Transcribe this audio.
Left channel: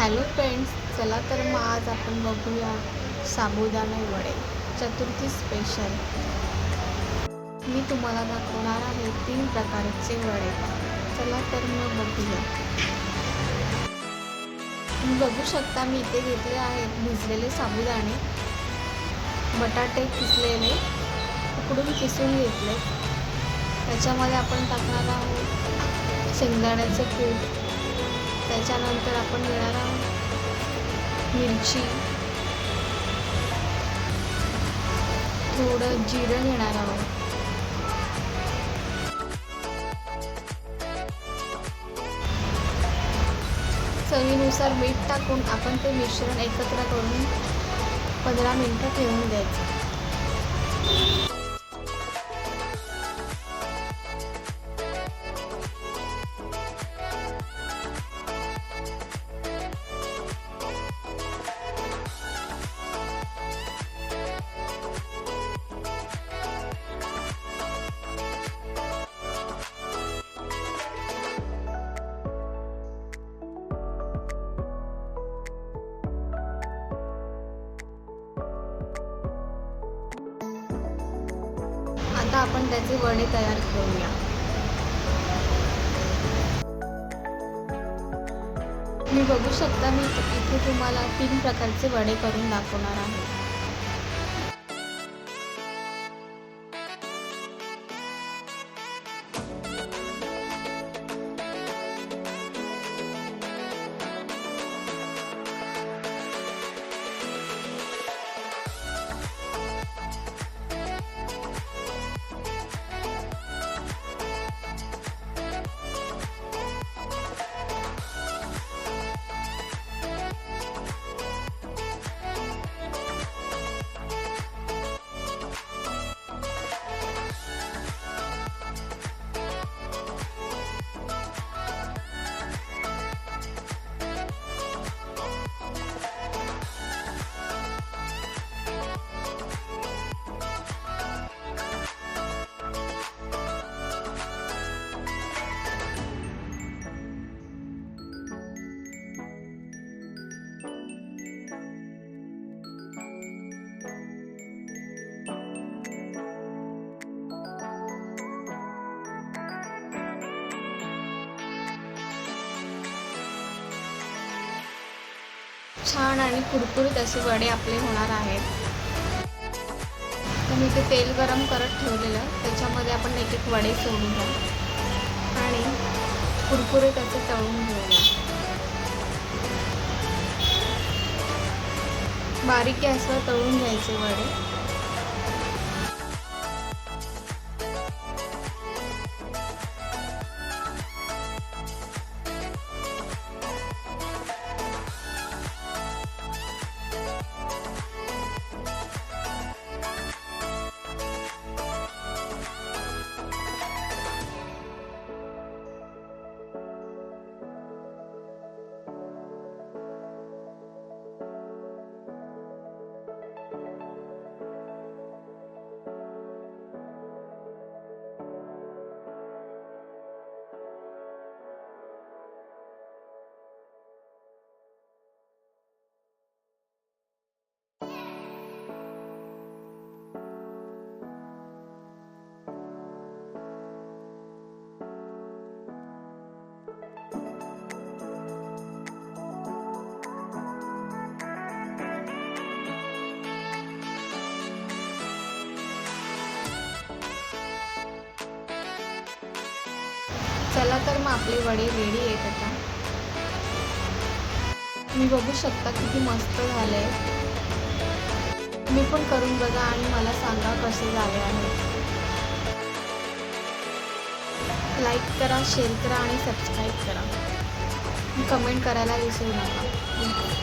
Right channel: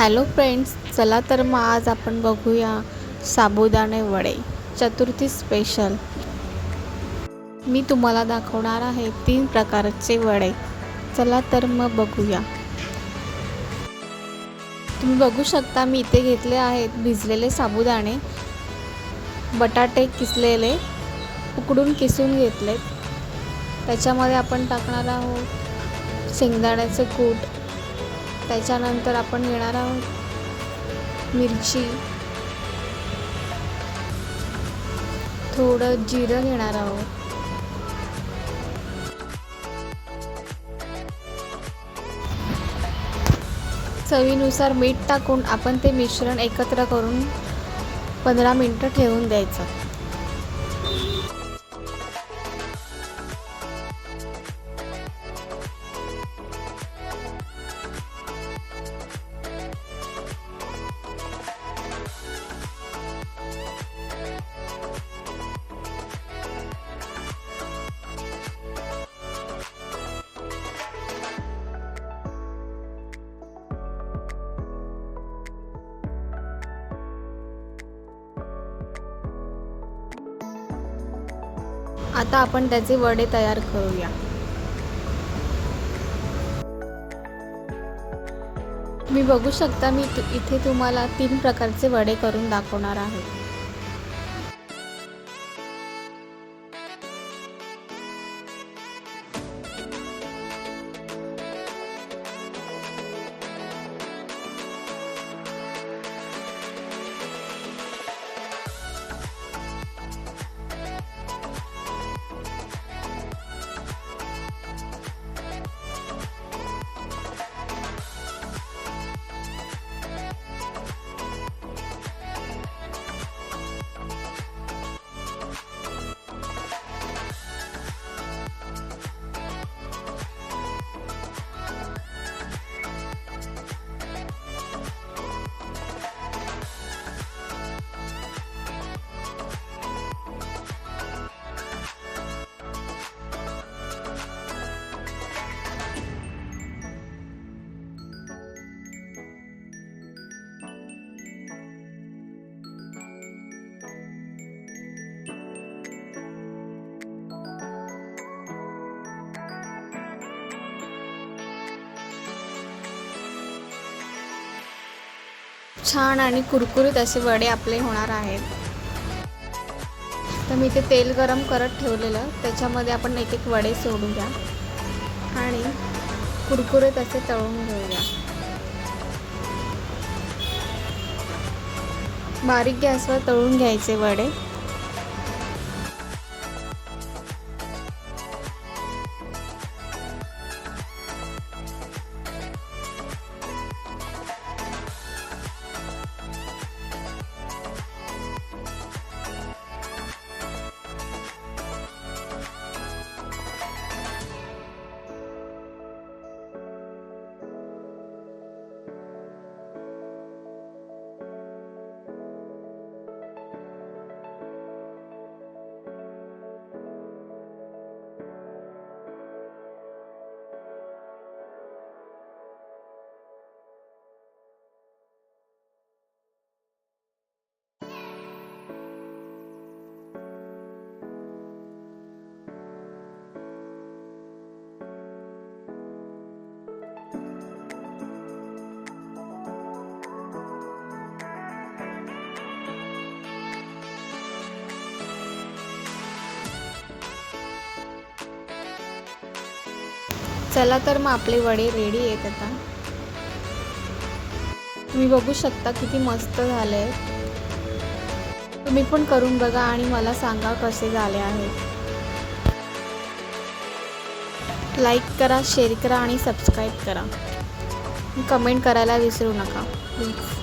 Hello friends, चला तर मग आज आपण बघूया साबुदाणे वडे चतुर्थी स्पेशल। मी तुम्हाला दाखवणार आहे 3 प्रकारचे वडे। चला तर मग बघूया। तुम्ही बघू शकता मी इथे घेतले आहेत भिजलेले साबुदाणे, बटाटे किसलेले उकडून किसून घेतले। त्याच्यामध्ये आपण टाकणार आहोत शेंगदाण्याचे कूट, त्याच्यानंतर आपण घेणार आहे मिरची, थोडं जिरं घेणार आहोत, चवीनुसार मीठ टाकून आपण ते मिश्रण एकत्र करून 15 मिनिटं ठेवून द्यायचं। आता आपण त्याचे वडे तयार करूया। मी बघू शकता मी इथे तुम्हाला 3 प्रकारचे वडे करून दाखवणार आहे। छान आणि कुरकुरीत असे वडे आपले होणार आहेत। तर मी ते तेल गरम करत ठेवलेलं, त्याच्यामध्ये आपण एक एक वडे सोडूया आणि कुरकुरीत असे तळून घेऊया। बारीक गॅसवर तळून घ्यायचे वडे। चला तर मग आपले वडे रेडी आहेत। आता तुम्ही बघू शकता किती मस्त झाले। तुम्ही पण करून बघा आणि मला सांगा कसे झाले आहेत। लाईक करा, शेअर करा आणि सबस्क्राईब करा। कमेंट करायला विसरू नका प्लीज।